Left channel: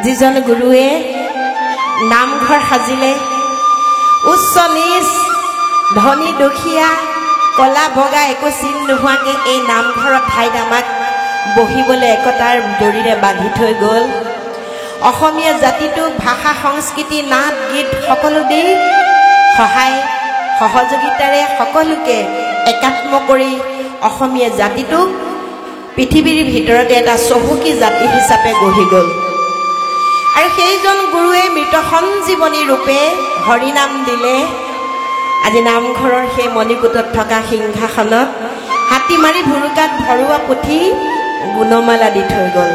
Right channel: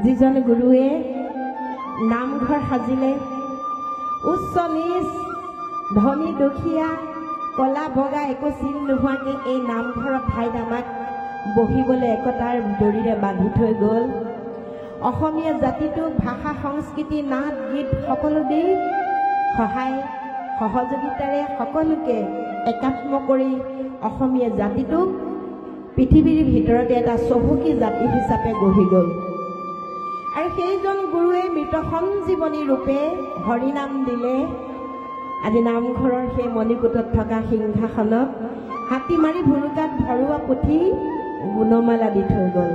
যিজন গুৰুৱে নামঘৰ সাজিলে উচ্চ নিচ ধনী দুখীয়া কলা বগা একো চিন নোহোৱাকৈ এই নামঘৰৰ ঠাইত আমাক বহিবলৈ একতাৰ জৰিৰে বান্ধি থৈ গ'ল। অসমীয়া জাতিটোক ভাষা সংস্কৃতি নাট গীত সকলো দি সহায় সহযোগিতাৰে সকলোকে একাত্ম কৰি অসমীয়া জাতিটোক পৃথিৱীৰ ভিতৰতে এটা চহকী জাতি হিচাপে গঢ়ি গ'ল। আৰু সেইজন গুৰুৱে মৃত সঞ্জীৱনী ৰূপে হৰিনাম দিলে। আজি নামঘৰৰ সেই মণিকূটত থকা সিংহাসনত হাতীমাৰি ভুৰুকাত ভৰোৱা পুথি গুণমালা দি থৈ গ'ল।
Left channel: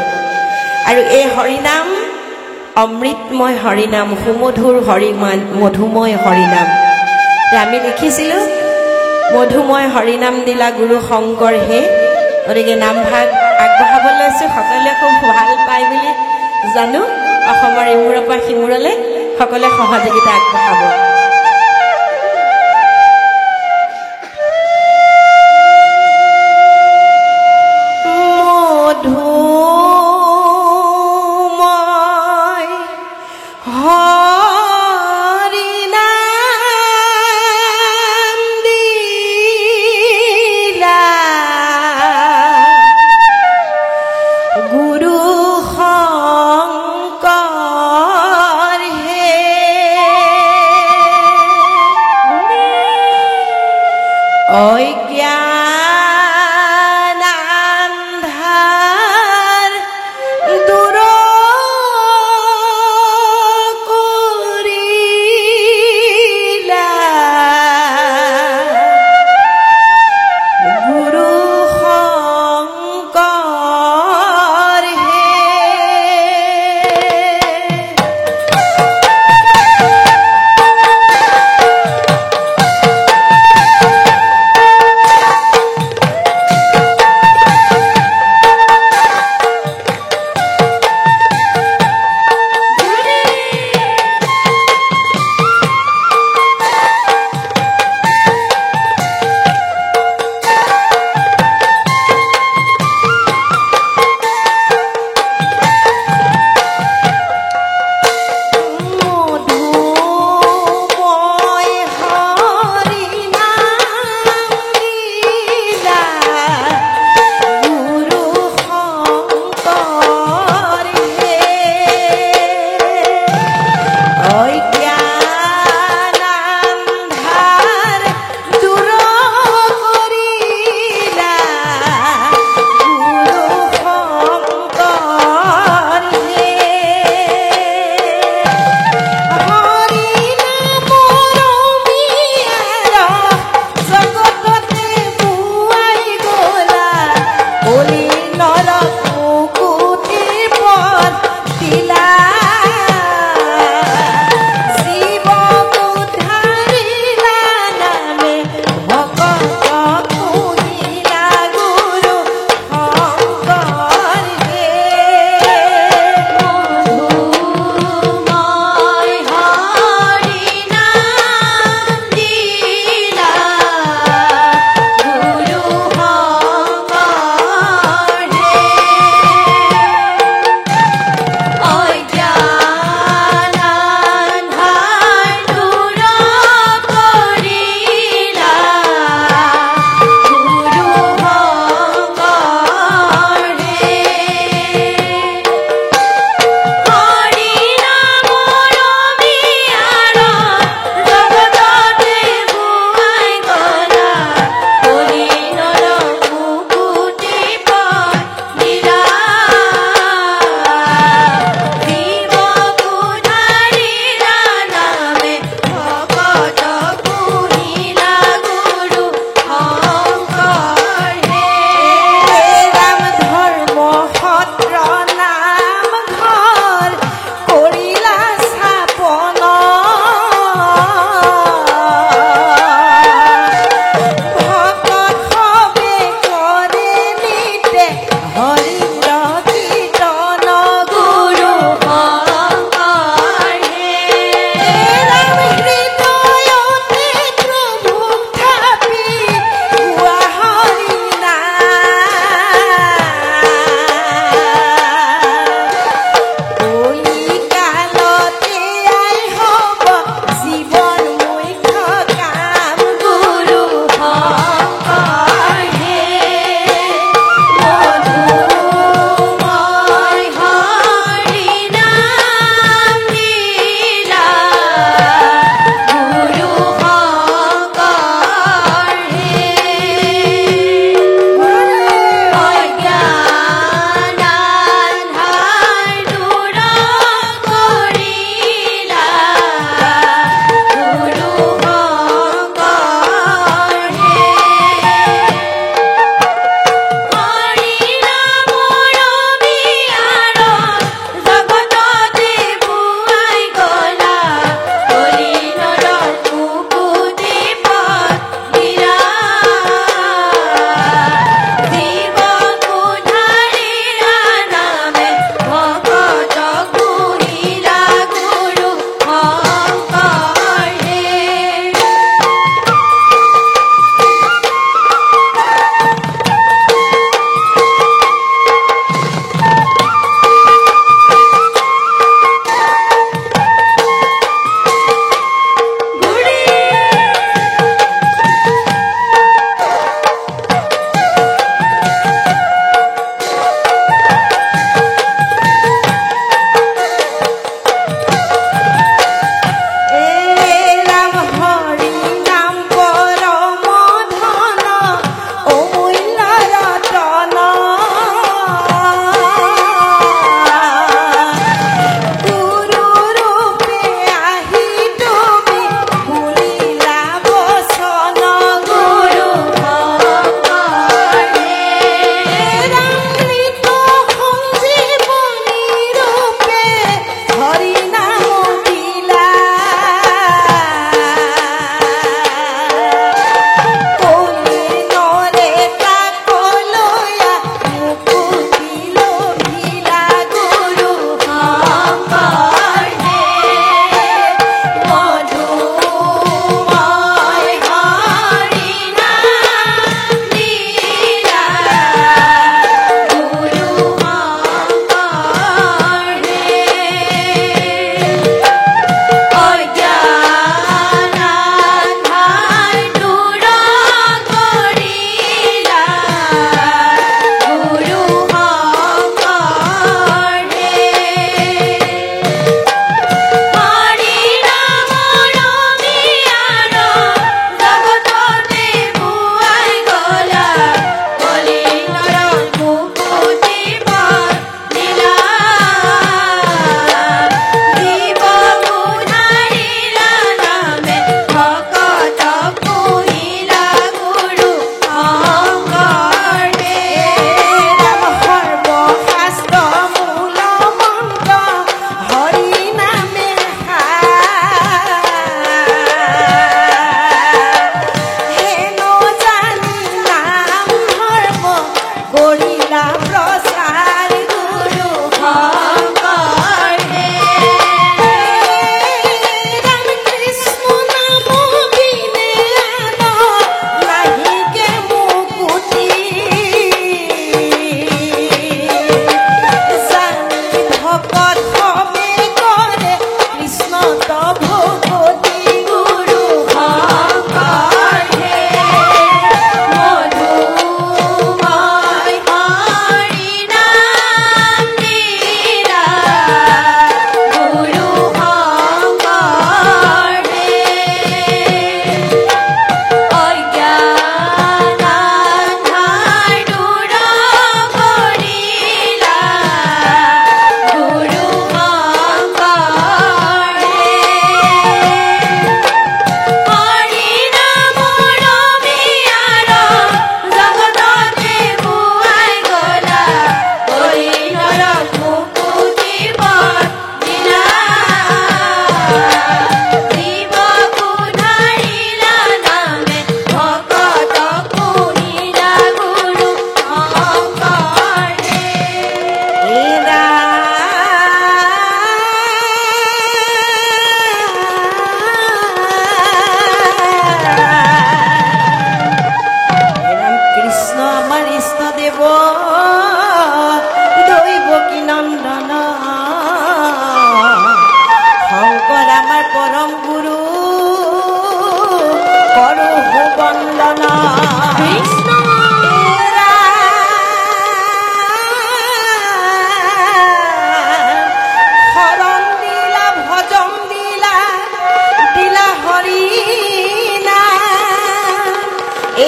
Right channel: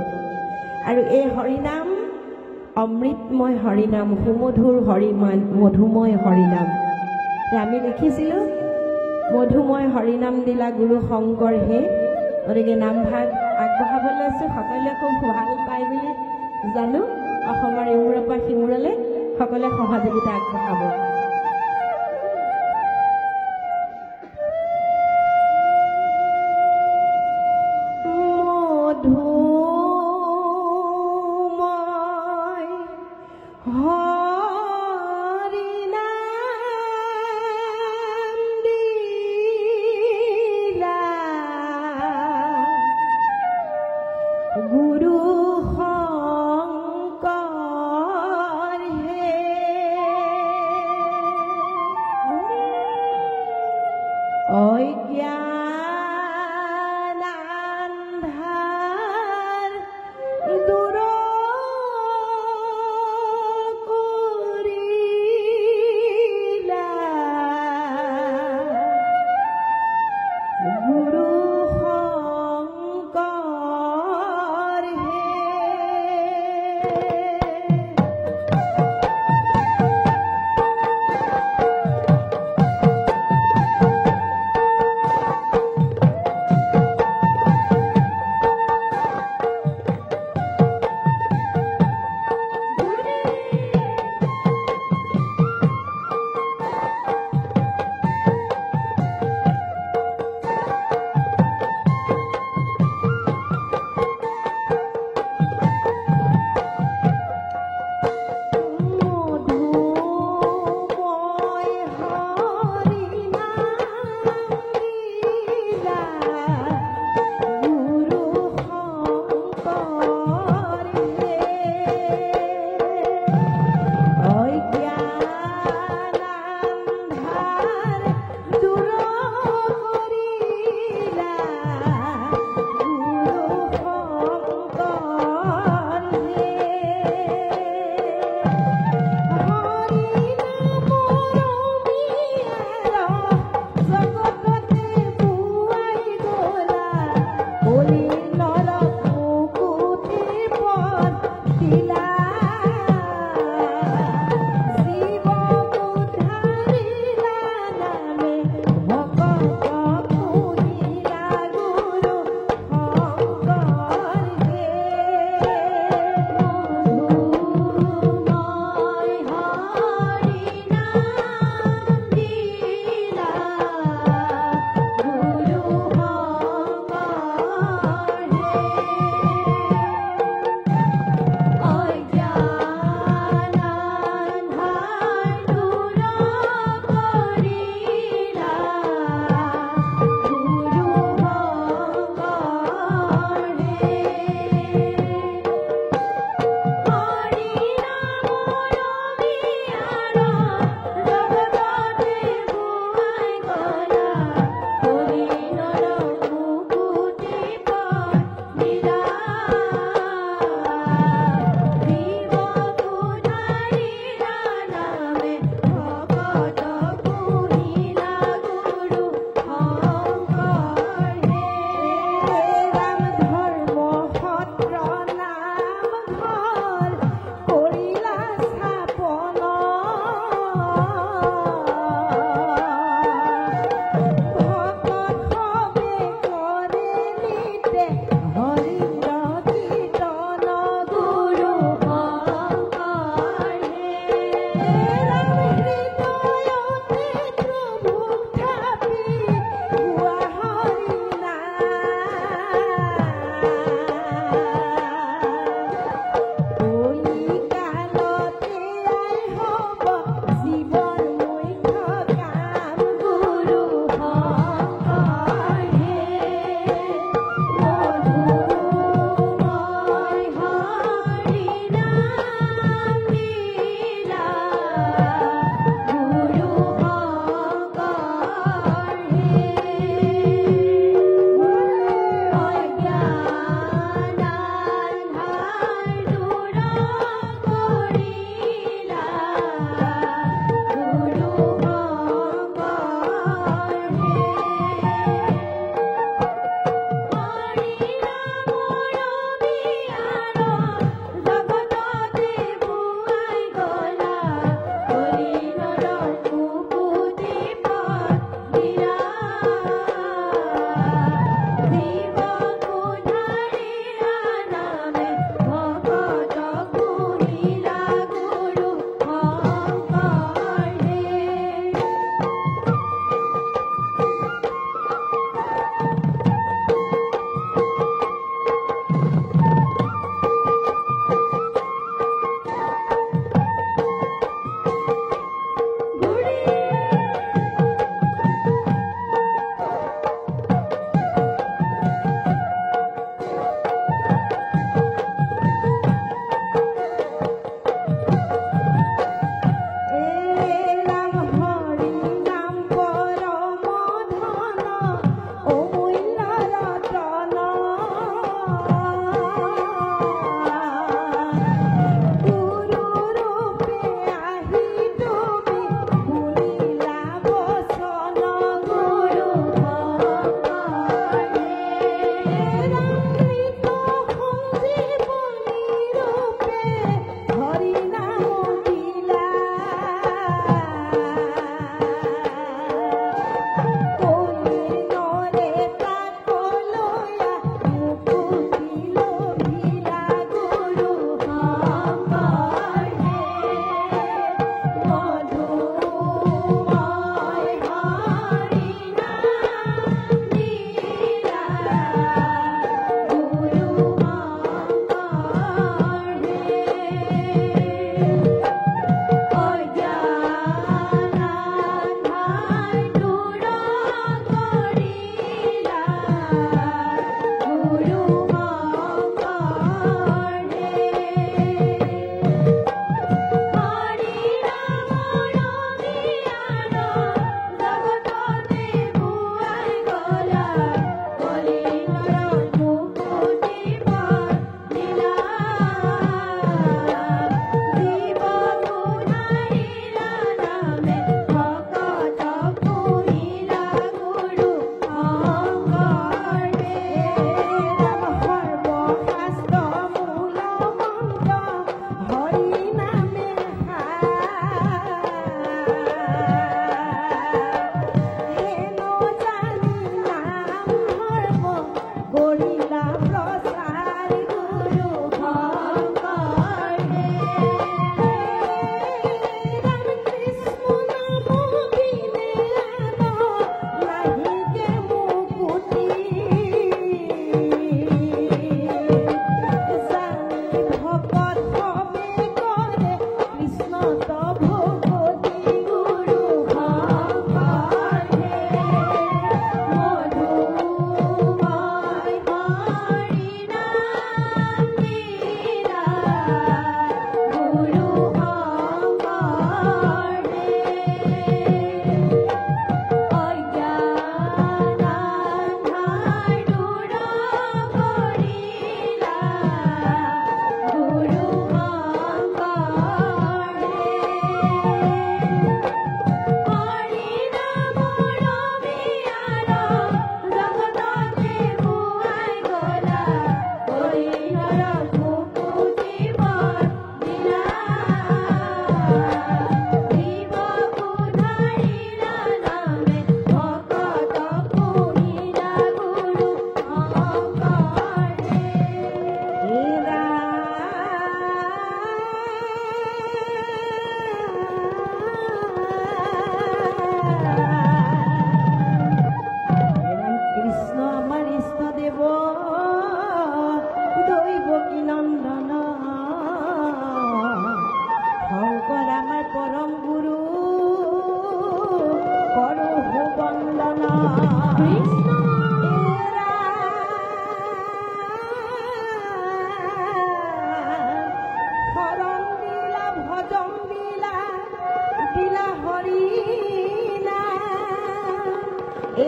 আৰু এই হৰিনাম অমৃতময় হৰিনাম, সুমধুৰ মধুময় হৰিনাম। আমি লিখিছিলোঁ মধুময় হৰিনাম দিলা গুৰু শংকৰ হে। গতিকে নামভাগ আগবঢ়াব লৈছোঁ। সকলোৱে খুব ভাল পায় বুলি জানো। অসমৰ ইমূৰৰ পৰা সিমূৰলৈ সকলোৱে সহযোগিতা আগবঢ়াব। Hey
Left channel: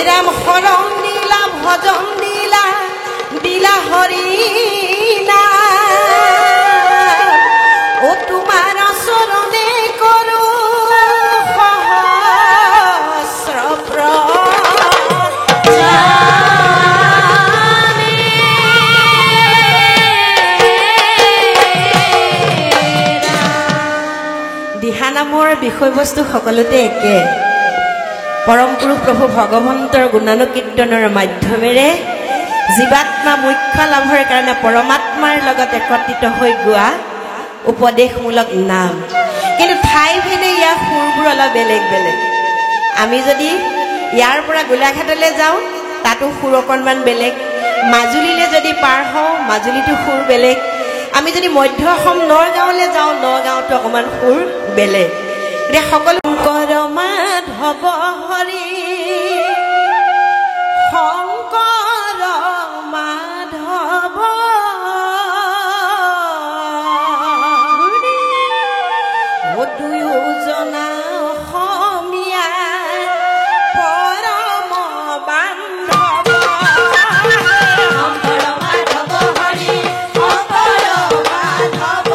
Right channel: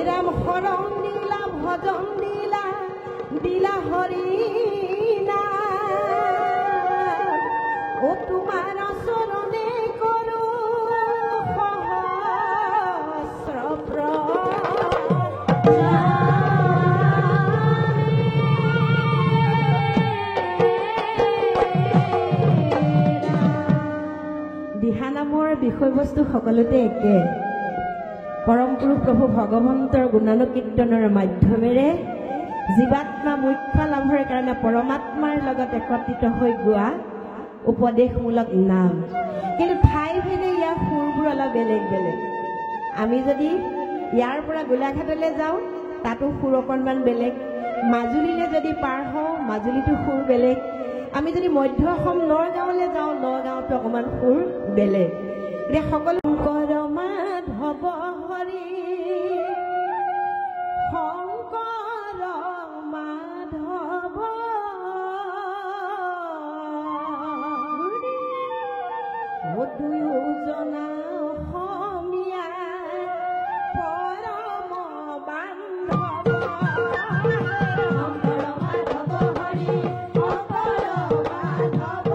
ৰাম শৰণ দিলা ভজন দিলা দিলা হৰি নাম ও তোমাৰ চৰণে কৰো সহস্ৰ দিহানামৰ বিষয়বস্তু সকলোতে একে পৰম পুৰুষ প্ৰভু ভগৱন্তৰ গুণানুকীৰ্তনৰ মাধ্যমেৰে জীৱাত্মা মুখ্য লাভৰ কাৰণে পৰমাত্মাৰ লগত একত্ৰিত হৈ গোৱা উপদেশমূলক নাম কিন্তু ঠাই ভেদে ইয়াৰ সুৰবোৰ অলপ বেলেগ বেলেগ আমি যদি ইয়াৰ পৰা গোলাঘাটলৈ যাওঁ তাতো সুৰ অকণমান বেলেগ মাজুলীলৈ যদি পাৰ হওঁ মাজুলীতো সুৰ বেলেগ আমি যদি মধ্য অসম নগাঁৱলৈ যাওঁ নগাঁৱতো অকণমান সুৰ বেলেগ এতিয়া সকলো শংকৰ মাধৱ হৰি শংকৰ মাধৱ দুয়োজনা অসমীয়া পৰম বান্ধৱ শংকৰ মাধৱ হৰি শংকৰ মাধৱ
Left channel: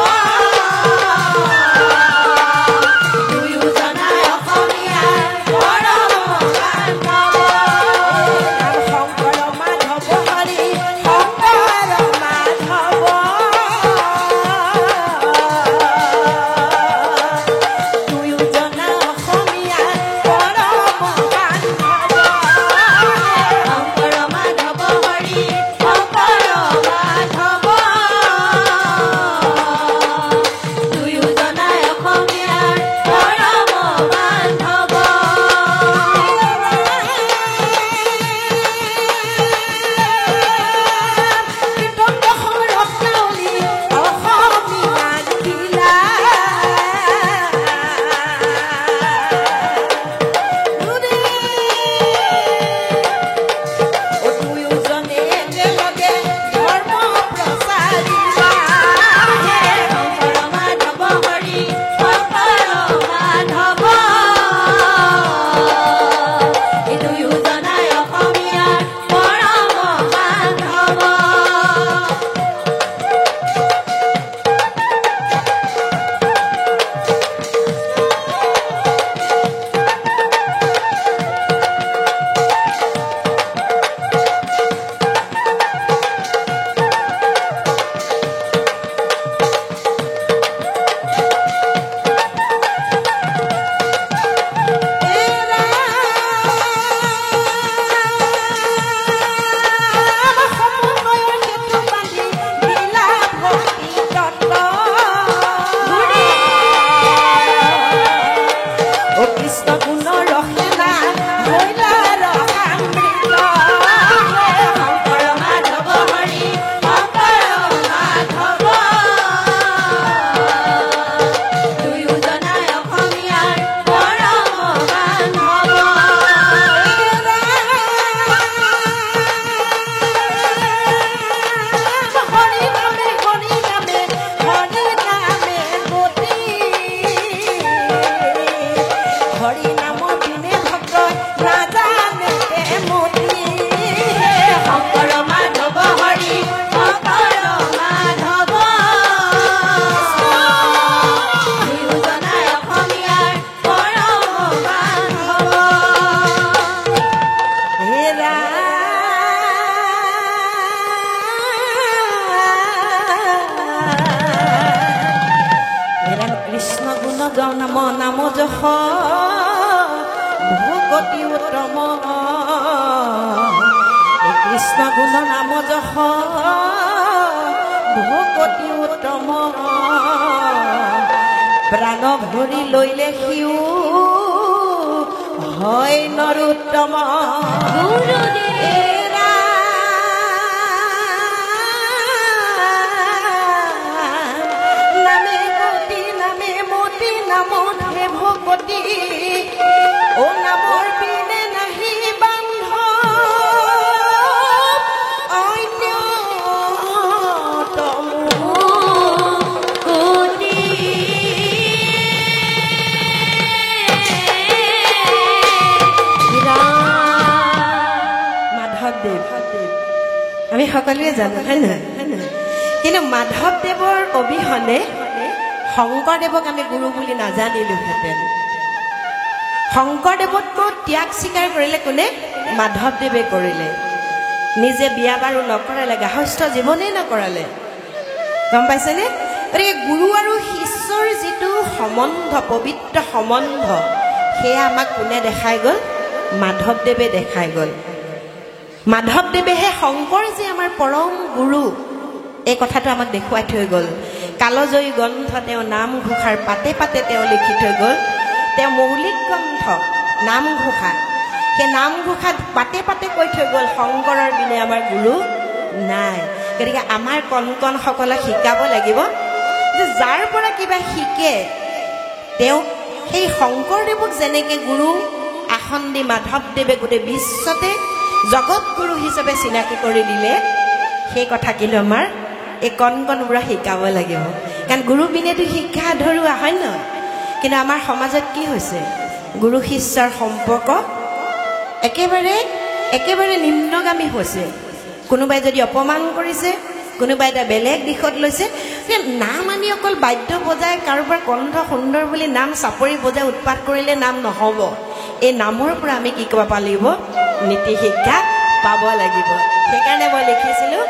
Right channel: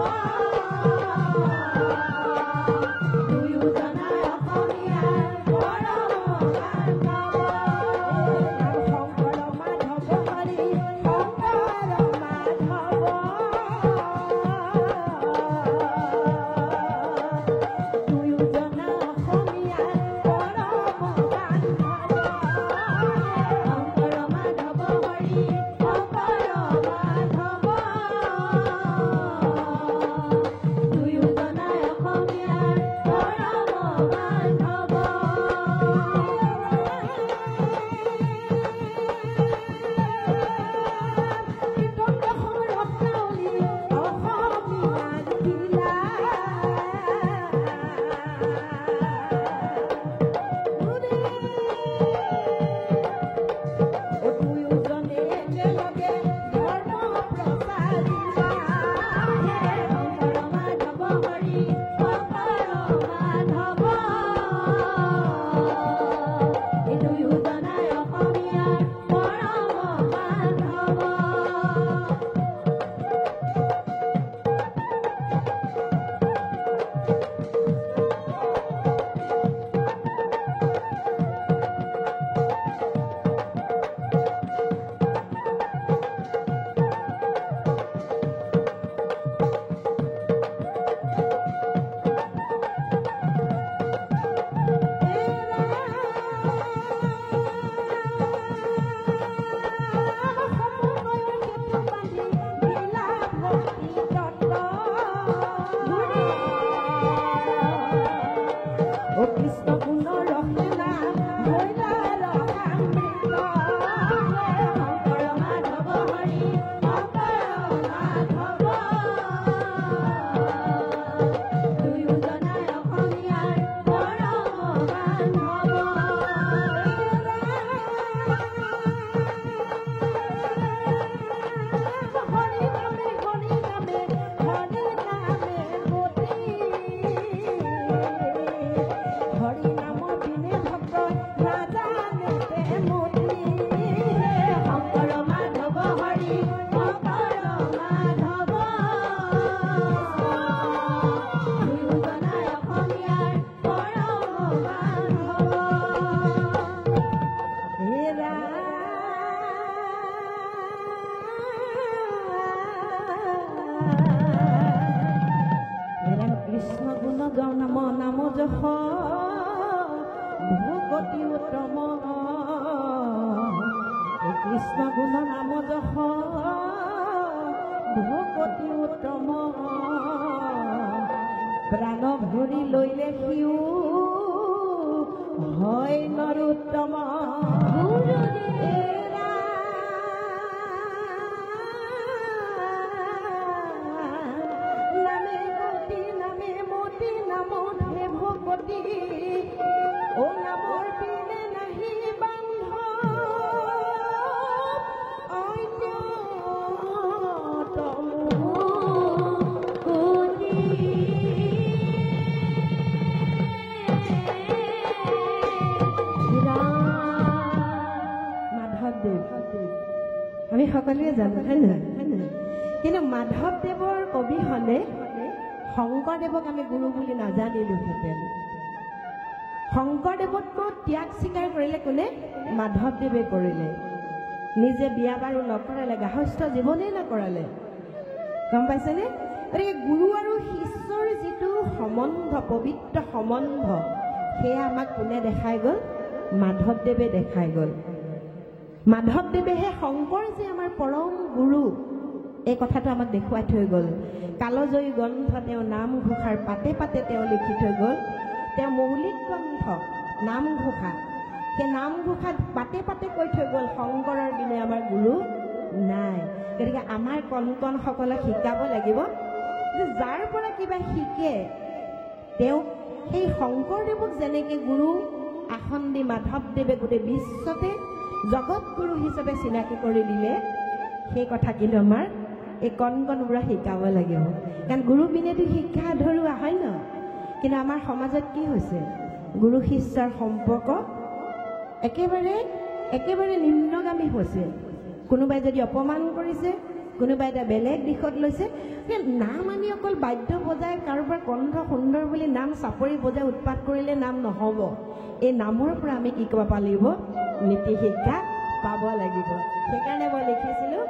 দুয়োজনা অসমীয়া পৰম বান্ধৱ শংকৰ মাধৱ হৰি শংকৰ মাধৱ দুয়োজনা অসমীয়া পৰম বান্ধৱ শংকৰ মাধৱ হৰি শংকৰ মাধৱ দুয়োজনা অসমীয়া পৰম বান্ধৱ নাম নাম যশ ভকতি উত্তম কৃষ্ণ গুণ নাম যশ ভকতি উত্তম প্ৰাণ ভৰি লৈলে সিও হয় নৰোত্তম ভকতি ও নামৰ বিনে নাহি বান্ধ অন্যতম কোটি ৰাম সকলোৱে জানো হয় নহয় কিন্তু মাধৱদেৱৰ অবিহনে শংকৰদেৱক আমি গুৰু বুলি নাজানিলোহেঁতেন শংকৰদেৱতকৈ ত্যাগ স্বীকাৰ কৰিলে কোনে মাধৱদেৱে কৰিলে নিজে বিয়া বাৰু নকৰালে গাহস্থ জীৱনেই নকৰালে গম পাইছেনে গতিকে গুৰু আৰু শিষ্যৰ যিটো সম্বন্ধ পবিত্ৰ সম্বন্ধ সেয়া আমাক কোনে দেখাই গ'ল মাধৱদেৱে দেখাই গ'ল মাধৱদেৱেহে শংকৰ যে আমাৰ পৰম গুৰু এই কথাটো আমাক দেখুৱাই থৈ গ'ল কালজয়ী গ্ৰন্থ তেওঁ নামঘোষাৰ পাতে পাতে তেওঁ লিখি থৈ গ'ল তেওঁ মৌলিক গ্ৰন্থ নামঘোষা সেই নামঘোষাত পাতে পাতে কৈ থৈ গ'ল শংকৰৰ বিনে আমাৰ গুৰু নাই গতিকে আমাৰ কণ কণসকলক শিকাব লাগিব যে যাৰ পৰা কিবা শিকে তেওঁ সেই শংকৰদেৱক যেনেকৈ গুৰু আসন দি মাধৱদেৱে গোটেই বিশ্বতে জগতগুৰু হিচাপে চিনাকি কৰি দিলে সেই কথা কিন্তু আমাৰ এই কণ কণবোৰক শিকাব লাগিব কাৰণ গুৰু বিনেতো শিক্ষা আধৰুৱা হয় নহয় কিন্তু আমাৰ সমাজত কি হৈছে গুৰু শিষ্যৰ সম্পৰ্ক একেবাৰে নিম্নগামী হৈছে কোনোবাই যদি অপমান কৰিছে কোনোবাই এটা বেলেগ দিশত লৈছে নাম আনি অকল বাদ্য বজাই কাৰোবাৰ কণ্ঠ সুন্দৰ বুলি নাম চাপৰি বজাই উৎপাত কৰিলে নাম নহ'ব এই নামৰ পৰা আমি কি কৰিব লাগিব নীতি শিক্ষা পাব লাগিব সেইকাৰণে মই লিখিছিলোঁ